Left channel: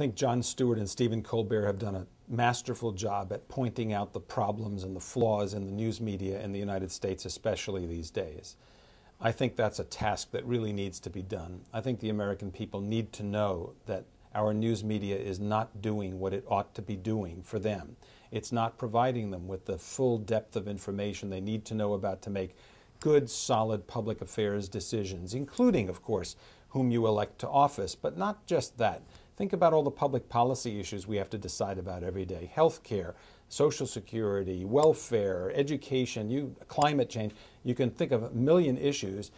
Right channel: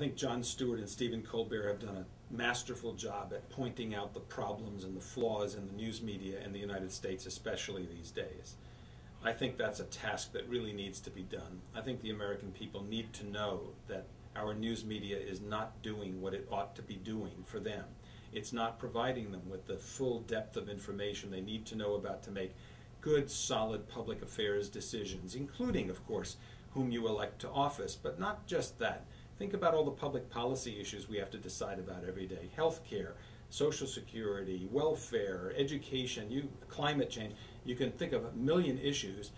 think Jon Stewart and Stephen Colbert have done a masterful job at pointing out the problems and the flaws in the news media in the United States, especially these days. I think that's a task that really needs to be done. I think the American people need to know that our news media is not doing what it ought to be doing for them. It's not providing them with the full depth of information they need to know about to make good, solid public affairs decisions, including, of course, whom you elect to office, but not just that. Think about all the public policy issues we have to decide about every day. Health care, Social Security, welfare, education, climate change. You can think of a million issues,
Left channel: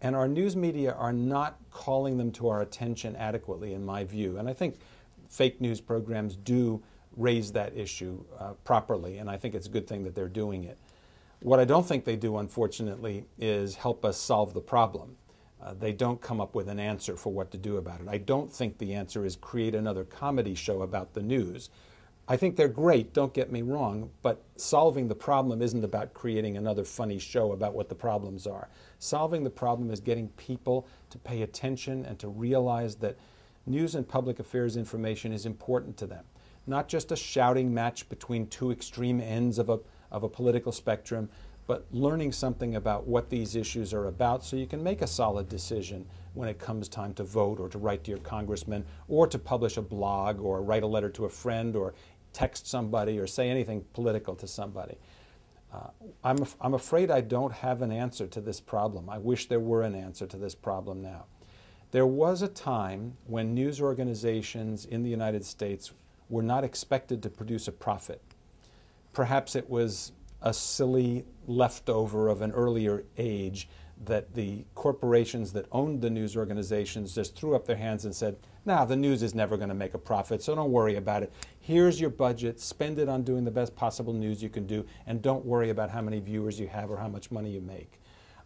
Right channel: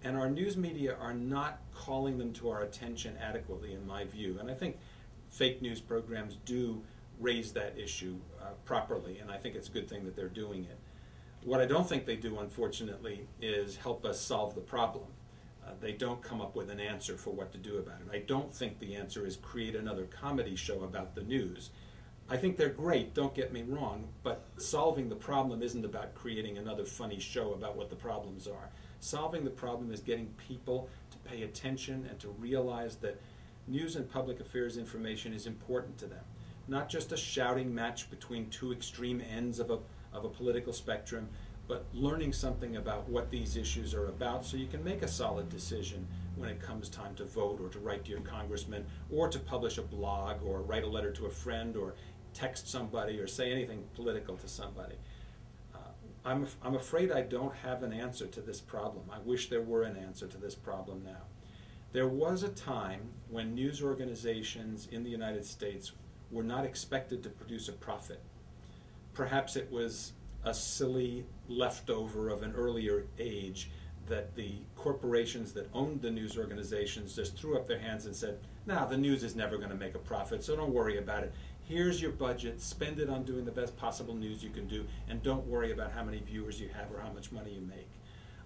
and our news media are not calling them to our attention adequately, in my view. And I think fake news programs do raise that issue properly, and I think it's a good thing that they're doing it. What I don't think they do, unfortunately, is help us solve the problem. They don't come up with an answer for what to do about it. I don't think the answer is create another comedy show about the news. I think they're great, don't get me wrong, but solving the problem isn't about creating another funny show about what the problems are. Solving the problem is getting people to pay attention and to realize that news and public affairs information is important to them. Not just a shouting match between two extreme ends of a political spectrum, but learning something about what these issues are about so you can make a solid decision when it comes time to vote or to write to your congressman or to publish a blog or write a letter to a friend or text somebody or say anything political to somebody. I'm afraid I don't have an answer to this problem. I wish there were an answer to this problem now. There was a time when news organizations in the United States were not expected to produce a profit. Perhaps it was a silly leftover of an earlier age that the corporations that owned the news organizations just threw up their hands and said, "Nah, the news is never going to make a profit, so don't worry about it. Here's your budget, spend it on doing the best possible news you can do, and don't worry about how many viewers you have or how much money you make."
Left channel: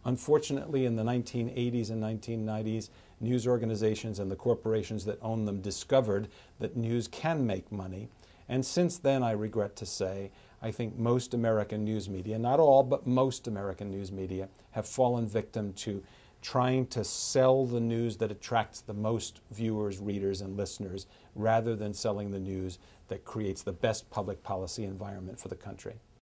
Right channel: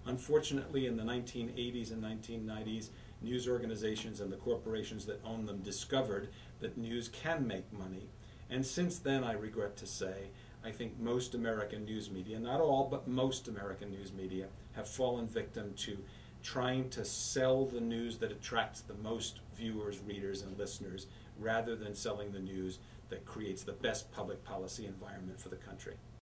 Unfortunately, in the 1980s and 1990s, news organizations and the corporations that own them discovered that news can make money. And since then, I regret to say, I think most American news media, not all, but most American news media, have fallen victim to trying to sell the news that attracts the most viewers, readers, and listeners, rather than selling the news that creates the best public policy environment for the country.